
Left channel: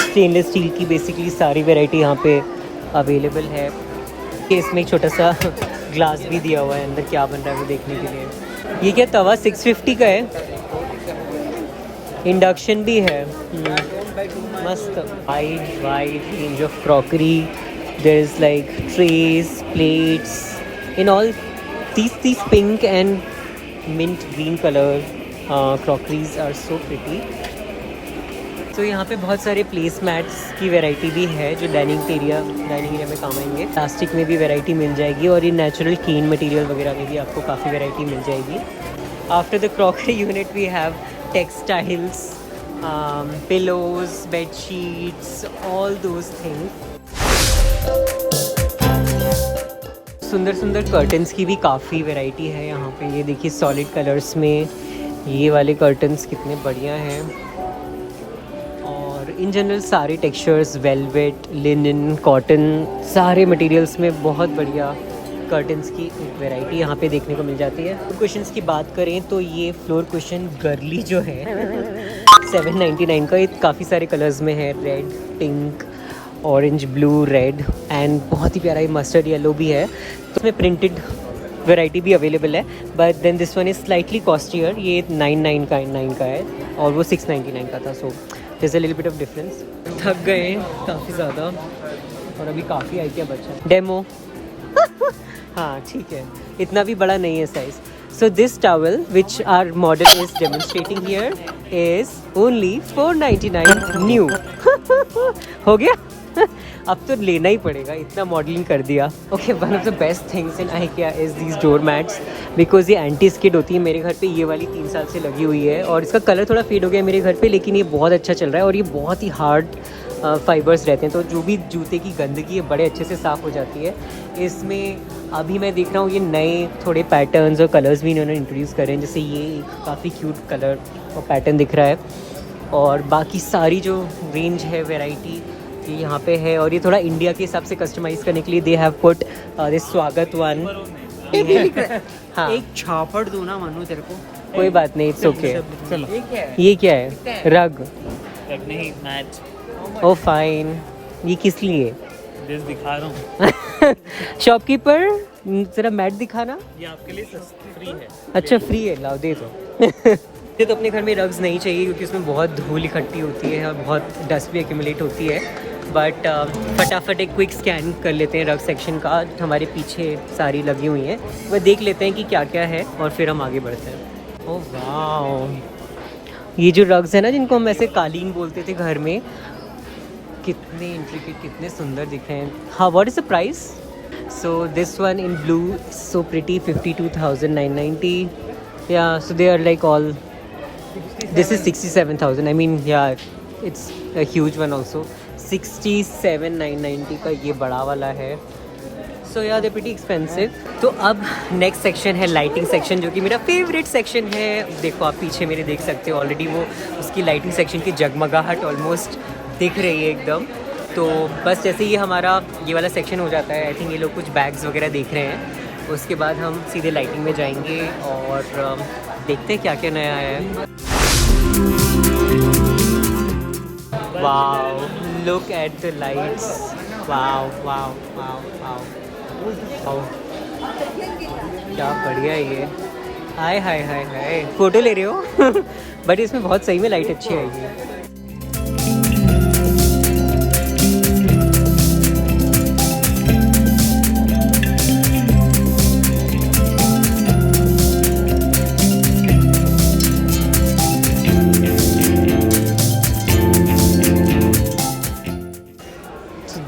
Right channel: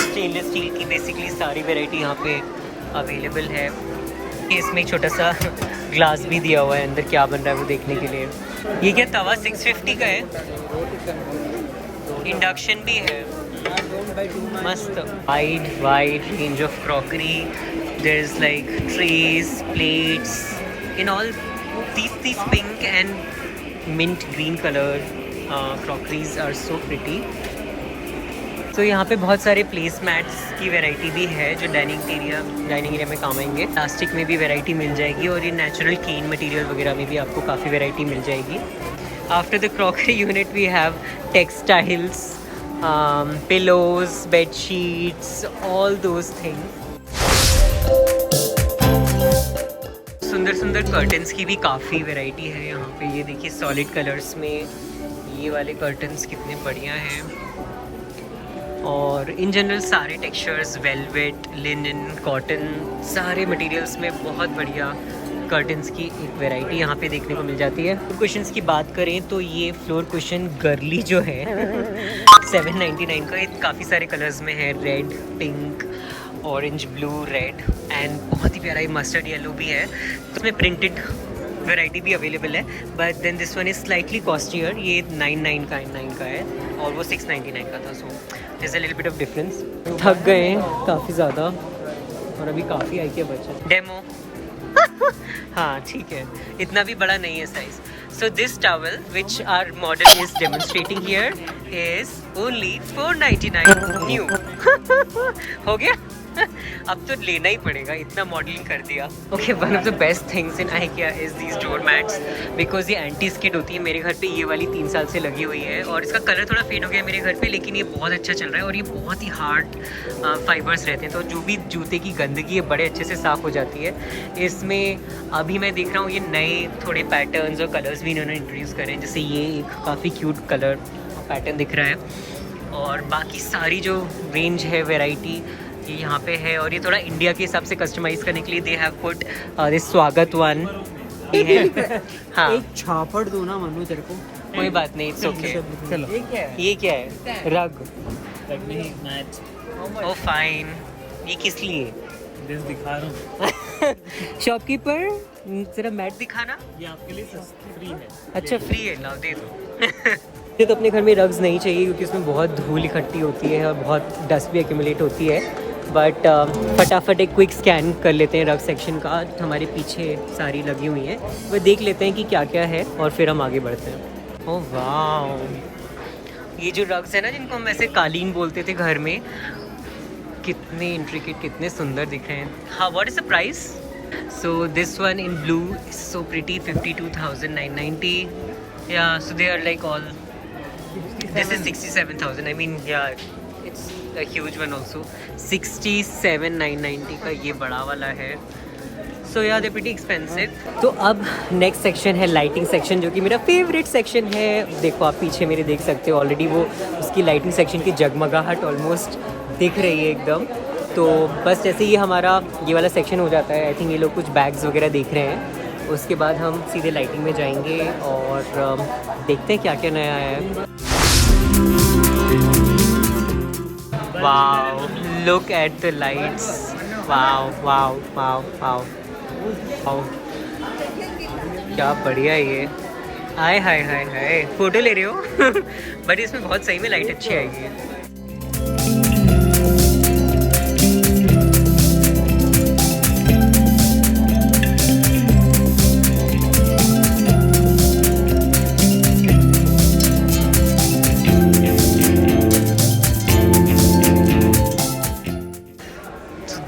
स्टेनलेस स्टील की बेसिकली सारी वैरायटी यहाँ पे अवेलेबल है. इसमें एक छोटा सा ग्लास भी दिया हुआ है, अंदर क्या बन रहा है वो देखने के लिए. ये क्या तवा 650 का है. इंडक्शन भी है, मस्त. Wide range of crockery. There is like trays, plates in all these pink and mint green color crockeries are so pretty. तो यहाँ पे बहुत सारे प्लेस मैट्स की वैरायटी भी है जो डाइनिंग एरिया में काम आएंगे. प्लास्टिक में भी वैरायटी मिल जाएगी और ये नेचुरल क्लीन मटेरियल वगैरह में भी आपको काफ़ी वैरायटी मिल जाएगी. After the crockery unit we have textiles, pillows, bed sheets, all those things. सुंदर सुंदर कर्टन्स की भी काफ़ी वैरायटी है यहाँ पे. ये देखिए सॉलिड कलर्स में ये वाले कर्टन्स कितने बढ़िया हैं. और इन जनरल सारे टेक्सचर्स, वेलवेट, लिनन, कॉटन, सारे मटेरियल्स में बहुत बढ़िया कर्टन्स की एक वैरायटी यहाँ पे देखने को मिल जाती है. फ्लोर कुशन्स की बात करें तो ये फ्लोर कुशन गर्ली जो है 799 का. ये काफ़ी सारे कलर्स में है, red, pink, orange, blue, red and बहुत ही प्यारा ये मस्टर्ड येलो भी है. तो इसमें प्रिंटेड वैरायटी भी अवेलेबल है. But then this one is slightly costlier. ये 99 का है और वो 699 का था. So there is a little bit of difference. थक गए हैं काफ़ी ज़्यादा और अभी काफ़ी आई क्या बचा. डेमो हाँ ठीक है, इतना भी बड़ा नहीं है size. So this towel which our model is demonstrating here is only 499 new. हो गया. अब तो लेना ही पड़ेगा, इतना मॉडलिंग कर दिया. Okay, one of the best things in IKEA is these door mats because ये एंटी स्किड होती है. मेरे घर पे ये वाली 3 साल से लगी हुई है और इसका कलर थोड़ा फेड हो गया है मेरे घर पे, लेकिन ये बहुत अच्छा चल रहा है. और ये बहुत ही हार्ड फाइबर्स रहते हैं, तो जो भी जूते की गंदगी है बड़े अच्छे से साफ़ हो जाती है. इसमें अभी मैं देख रहा हूँ ये नए थोड़े पैटर्न्स और कलर्स भी इन्होंने इंट्रोड्यूस करे हैं. जैसे ये एक काफ़ी क्यूट कलर और पैटर्न दिख रहा है. और बाकी सारी जो रेंज है वैरायटी यहाँ पे है. और ये थोड़ा इंडिया के हिसाब से कस्टमाइज़ करने के लिए दे हैव पुट दिस स्वागत वन. हाँ, एक छापड़ दो ना मनु तेरे को. कोई बात नहीं, इट्स ओके. ये क्या है? रग नहीं, मैट. ओ फाइन. ये किस लिए? दिखा रहा हूँ. शॉपकीपर जरा मैट दिखाना. ये आपके लिए फ्री है. अच्छा फ्री है, लाओ दे दो. मुझे तो अपने घर में रग्स नहीं चाहिए क्योंकि उसमें बहुत धूल इकट्ठी होती है और बहुत डस्ट भी एक्यूमुलेट होती है. बट फटाफट एक क्विक स्कैन कर लेते हैं रग सेक्शन का. हमारे पीछे सारी लगी हुई हैं, वह देख लेते हैं कि क्या क्या है और फिर हम आगे बढ़ते हैं. ओह वाह, ये जो रग्स है ना जिनको हम ऐसे कालीन बोलते थे घर में, कितने इंट्रिकेट, कितने सुंदर दिख रहे हैं। हाँ, what is the price? So this one in blue so pretty, 52,990. Yeah, so they are like all. This is 67,000. I mean, yeah, it's a huge one also. 67,990 का ये बड़ा वाला है. So yeah, they're pretty expensive. तो अब next section है lighting section, जो कि मेरा फेवरेट सेक्शन है. देखो आप पीछे मेरे देख सकते हो ऑलरेडी वो उसकी लाइटिंग सेक्शन की जगमगाहट ऑलमोस्ट दिख रही है एकदम. तो बस जैसे ही हमारा ये वाला सेक्शन हो जाता है, आई थिंक ये लोग कुछ बैग्स वगैरह देख रहे हैं, उसके बाद हम सीधे लाइटिंग में जाएंगे और देखते हैं क्या क्या नया है. Wow, look at the lights. Wow wow wow wow wow, क्या बढ़िया है ये. हाय हाय हाय हाय, फोटो ले रहे हो? बट इसमें बहुत सही में लाइट अच्छी आएगी.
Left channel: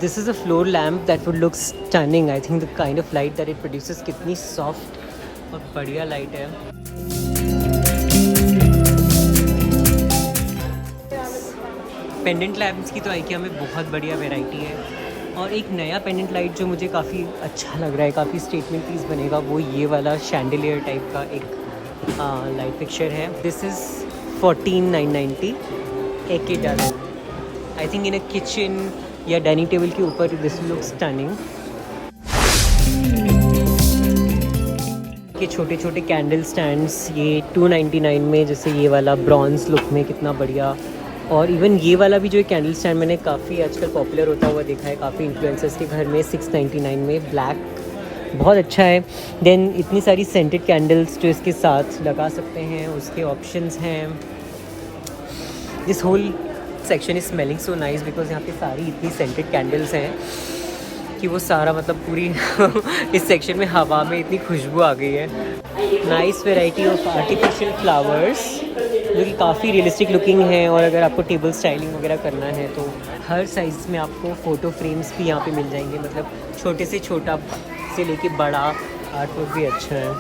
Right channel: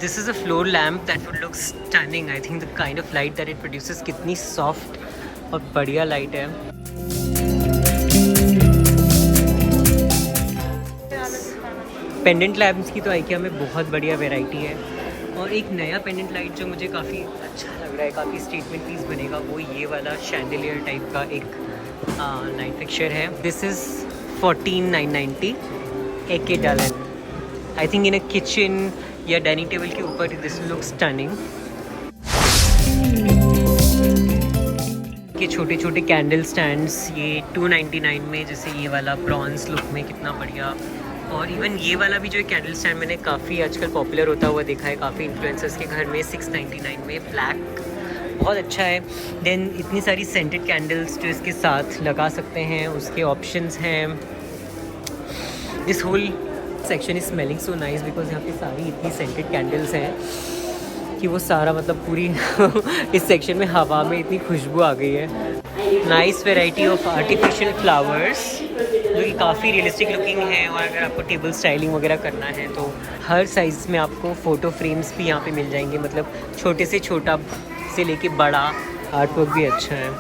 This is a floor lamp that would look stunning. I think the kind of light that it produces, कितनी soft और बढ़िया light है. पेंडेंट लैम्प्स की तो IKEA में बहुत बढ़िया वैरायटी है. और एक नया पेंडेंट लाइट जो मुझे काफ़ी अच्छा लग रहा है, काफ़ी स्टेटमेंट पीस बनेगा, वो ये वाला शैंडलियर टाइप का एक लाइट फिक्सचर है. दिस इज़ 14,990 AK डलन. I think in a kitchen या डाइनिंग टेबल के ऊपर दिस लुक स्टनिंग. ये छोटे छोटे कैंडल स्टैंड्स, ये 299 में, जैसे ये वाला ब्रॉन्ज लुक में कितना बढ़िया. और इवन ये वाला भी जो एक कैंडल स्टैंड मैंने काफ़ी आजकल पॉपुलर होता हुआ देखा है काफ़ी इन्फ्लुएंसर्स के घर में, 699 में, ब्लैक, बहुत अच्छा है. देन इतनी सारी सेंटेड कैंडल्स जो इसके साथ लगा सकते हैं, उसके ऑप्शंस हैं. This whole section is smelling so nice because यहाँ पे सारी इतनी सेंटेड कैंडल्स हैं कि वो सारा मतलब पूरी इस सेक्शन में हवा में इतनी खुशबू आ गई है. Nice variety of artificial flowers जो कि काफ़ी रियलिस्टिक लुकिंग है. और अगर आपको टेबल स्टाइलिंग वगैरह करना है तो हर साइज़ में आपको फ़ोटो फ्रेम्स भी यहाँ पे मिल जाएंगे. मतलब छोटे से छोटा से लेके बड़ा आर्ट वर्क भी अच्छा है.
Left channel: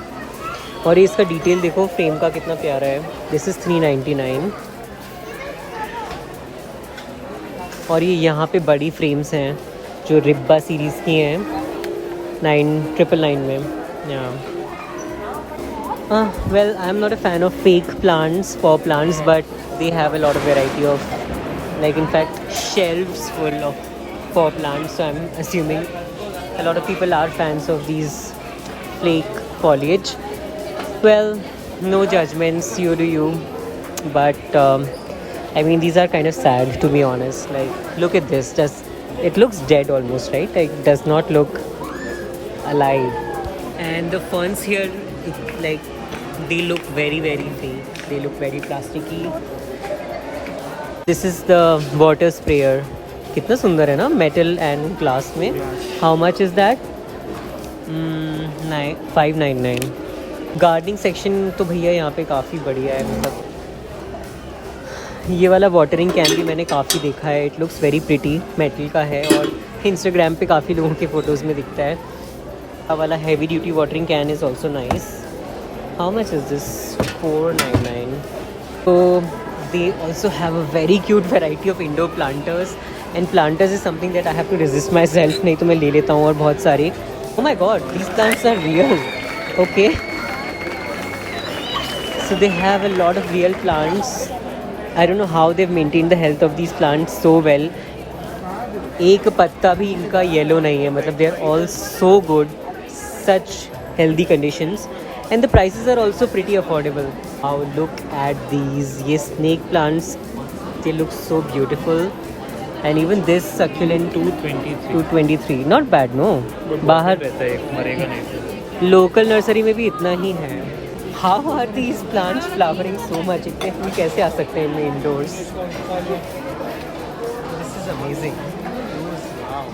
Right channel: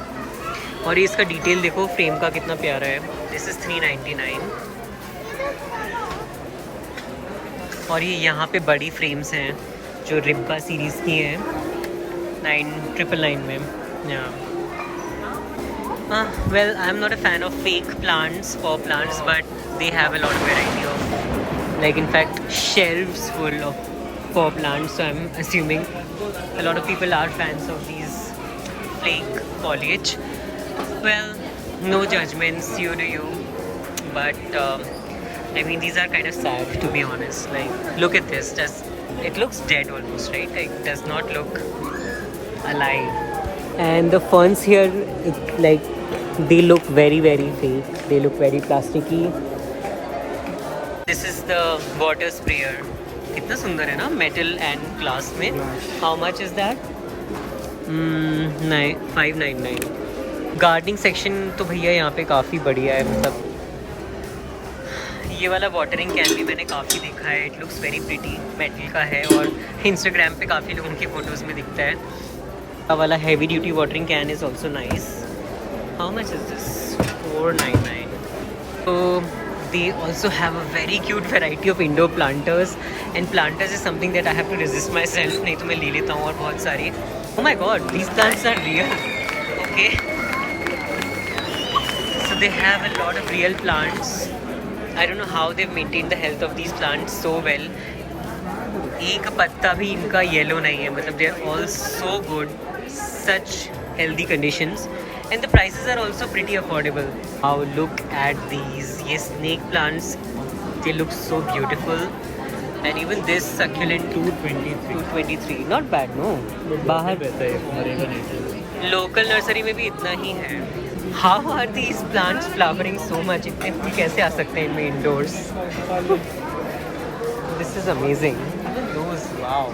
और ये इसका डिटेल देखो फ्रेम का कितना प्यारा है. This is 399. और ये यहाँ पे बड़ी फ्रेम्स हैं जो रिब्बा सीरीज़ की हैं 999 में. Well, I am not a fan of fake plants, pot plants, but they have a lot of variety of, like in fact shelves full of pot plants. So I am assuming a lot of people are fans of these fake foliage. Well, no judgments, you do you, but I mean, these are kind of sad, to be honest. Like, look at this. It looks dead almost, right? Like, does not look alive. And the ferns here, they look very, very fake. They look very plasticky. This is the water sprayer. कितना सुंदर है ना, metal and glass में. How much is that? 599. Gardening section तो भैया यहाँ पे काफ़ी बढ़िया है. मतलब ये वाला वाटरिंग कैन भी मैंने काफ़ी देखा है. It looks very pretty, metal का है और इंस्टाग्राम पे काफ़ी लोगों के फ़ोटोज़ में दिखता है. ये वाला heavy duty watering can is also nice. How much is this? 499. तो they also have a very cute variety of indoor planters. And planters is something that I have to resist myself, नहीं तो मैं ले लेता हूँ और बहुत सारे. Oh my god, these plants are real. Okay, so they have a lot of real plants. I don't know how they've maintained the health of these plants so well. एक पत्ता भी इनका येलो नहीं है. मतलब they are all so good, such healthy conditions, and the prices are also pretty affordable. Wow, look at these. ये snake plants, they look so beautiful. And even this succulent 223. Not bad, no? बाहर मरेगा नहीं. Local nursery में भी इतना ही है. How are these plants flowering so much? इतने फूल कैसे आ सकते हैं इनमें indoors? This is amazing. Those, wow.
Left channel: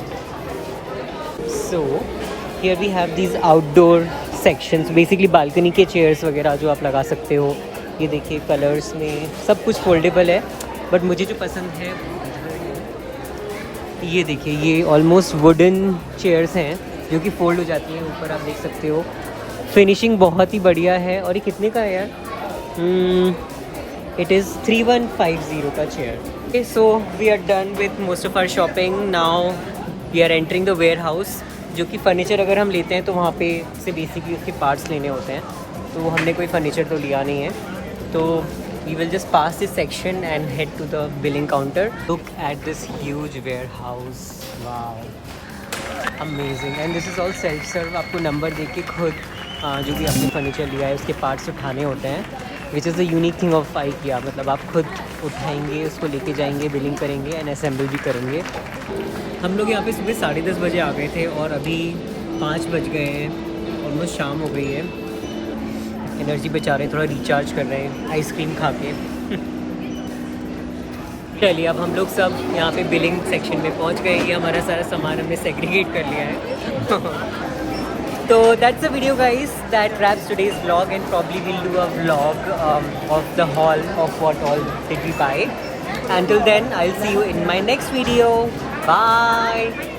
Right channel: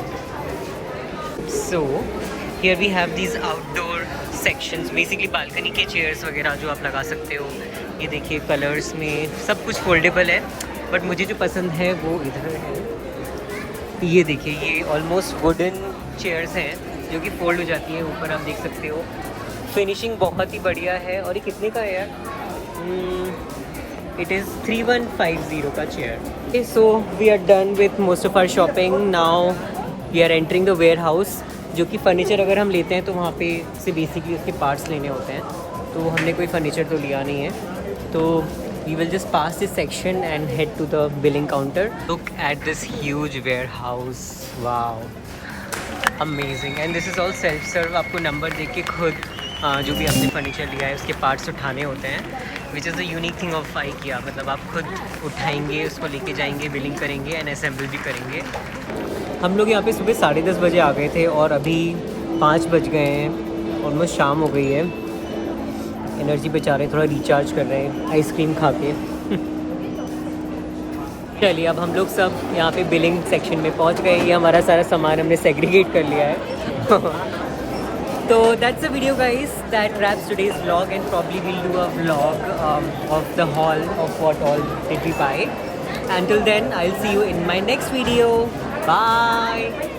So here we have these outdoor sections. Basically balcony के chairs वगैरह जो आप लगा सकते हो. ये देखिए कलर्स में सब कुछ फोल्डेबल है. बट मुझे जो पसंद है वो इधर है. ये देखिए, ये ऑलमोस्ट वुडन चेयर्स हैं जो कि फोल्ड हो जाती हैं, ऊपर आप देख सकते हो। फिनिशिंग बहुत ही बढ़िया है। और ये कितने का है? इट इज़ 3150 का chair. So we are done with most of our shopping. Now we are entering the warehouse, जो कि फ़र्नीचर अगर हम लेते हैं तो वहाँ पे से बेसिकली उसके पार्ट्स लेने होते हैं, तो हमने कोई फ़र्नीचर तो लिया नहीं है। तो we will just pass this section and head to the billing counter. Look at this huge warehouse, wow amazing. And this is all self serve. आपको नंबर देख के खुद जो भी आपने फर्नीचर लिया है उसके पार्ट्स उठाने होते हैं, which is the unique thing of IKEA। मतलब आप खुद उठाएंगे, उसको लेके जाएंगे, बिलिंग करेंगे एंड असेंबल भी करेंगे। हम लोग यहाँ पे सुबह 10:30 बजे आ गए थे और अभी 5 बज गए हैं, ऑलमोस्ट शाम हो गई है। एनर्जी बचा रहे हैं, थोड़ा रिचार्ज कर रहे हैं आइसक्रीम खा के। चलिए अब हम लोग सब यहाँ पे बिलिंग सेक्शन में पहुँच गए। ये हमारा सारा सामान हमने सेग्रीगेट कर लिया है। So that's the video guys, that wraps today's vlog, and probably we'll do a vlog of the haul of what all did we buy. Until then, I'll see you in my next video. Bye.